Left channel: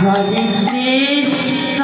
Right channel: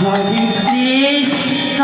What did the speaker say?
Hare Krishna.